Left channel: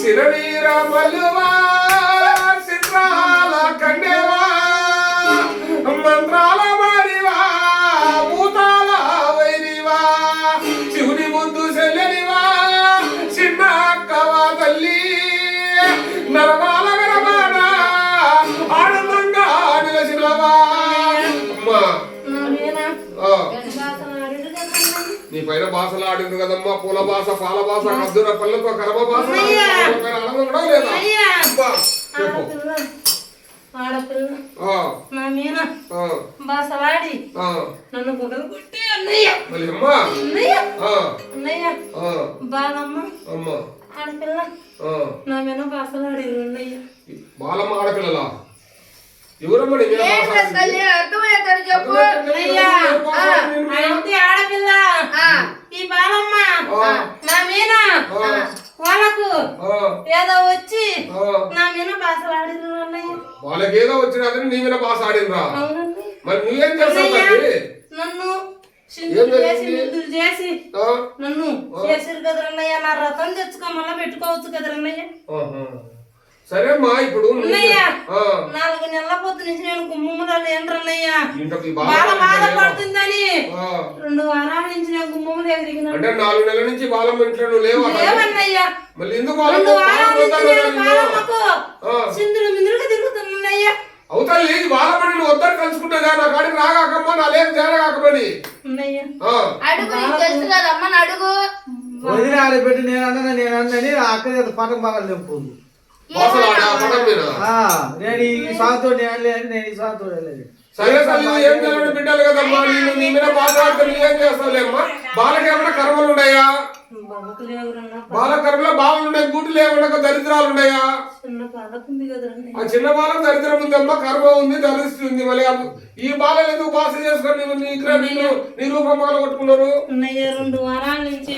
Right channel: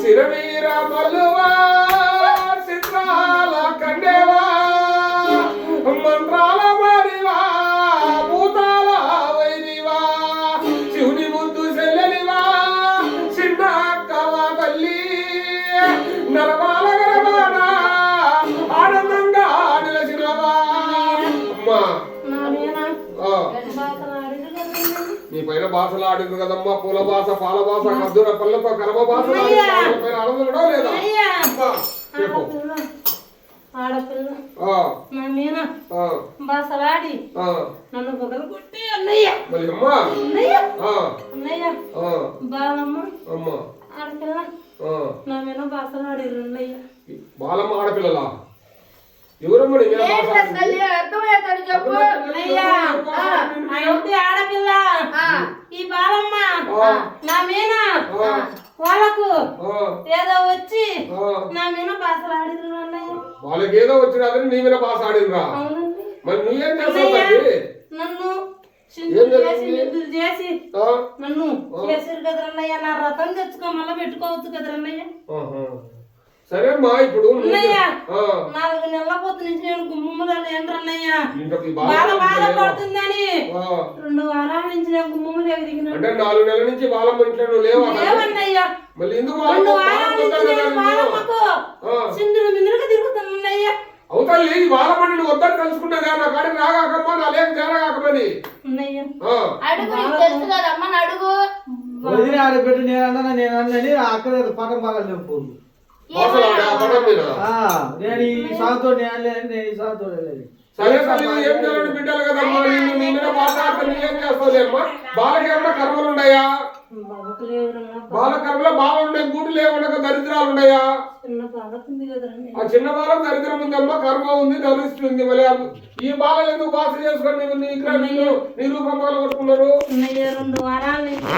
సిరవీర మల్లువా చిత్రాల కండేవా మంత్రాల మారివా భూతాల వైరివా శివుని ముందు చెల్లెలివా చిన్న అక్కవా తల్లి నరమాల గరమాన ఆనందంగా నిలచినవా అమ్మా నీ పైన భాషలు ఆడింది కదమ్మా పూల భాష పాల భాష కద్దుర పల్లెతో కరమ భాష పైన ఆనందం కూడా లేదా చెప్పు బాసలాడి నన్ను పొగలు కొట్టి అన్నయ్య మళ్ళీ అమ్మా అన్నయ్య బాలమ్మ ఆడపిల్ల నా మీద బాసలాడిరు అన్నయ్య బాలమ్మ ఆడపిల్లలా ఎవరమ్మా ఆడపిల్ల ఈ బాలమ్మ నా మీద వాళ్ళకు ఏదో వచ్చి నా మీద బాసలాడిరు అన్నయ్య వాళ్ళకి ఏదో వచ్చినాదని నీ మీద బాస ఆడినరా మరి నువ్వేం చేస్తావు నన్ను చేసి నన్ను చేసిరు కదరన్నయ్య నా రథం తెచ్చుకోమన్నా పెట్టుకోవచ్చు కదరన్నయ్య సరే అమ్మా ఇప్పుడు 4 నెలల పొద్దు నుంచి నేను గుమ్మములు ఏంటన్నయ్య బాధపడుతుందని 2 వారాల నుంచి నేను గుమ్మములు ఎదిగిన అంటే 4 నెలల నుంచి బాలమ్మ ఇంట్లో నువ్వు లేవన్నయ్య మళ్ళీ ఎందుకు సింధులు మిందులుగా తిరుగుతున్నయ్య అవుతాయి బాలమ్మని నువ్వు వద్దని కలుసుకుంటా నా కాడికి రాగాకమ్మా నా లేక జరగాకమని అడుగు వదిలి ఆడబెట్టి నేనన్నని అక్కడే పటం బాగా లేకపోదు నేను ఈ సాతో నేను ఈ సాతో సరే సరే ఏం తెలియని బిడ్డలు కదమ్మా నేను నీ మీద మాట్లాడితే నువ్వేం చేస్తావులేమ్మా బాలకి ఏమన్నా కర్మలు ఉన్నాయా బాల కర్మలో బాలు ఉన్నాయి గూటులు ఏమన్నా దరిద్రాలు ఉన్నాయా ఆ చిన్న బాలకు దరిద్రం ఉంది అమ్మా కర్మ ఉంది దరిద్రం ఉంది మళ్ళీ ఈ బాలలు ఎందుకు బాస చేసుకొని నీ రూపం కొట్టుకున్నారు 2 వారాల నుంచి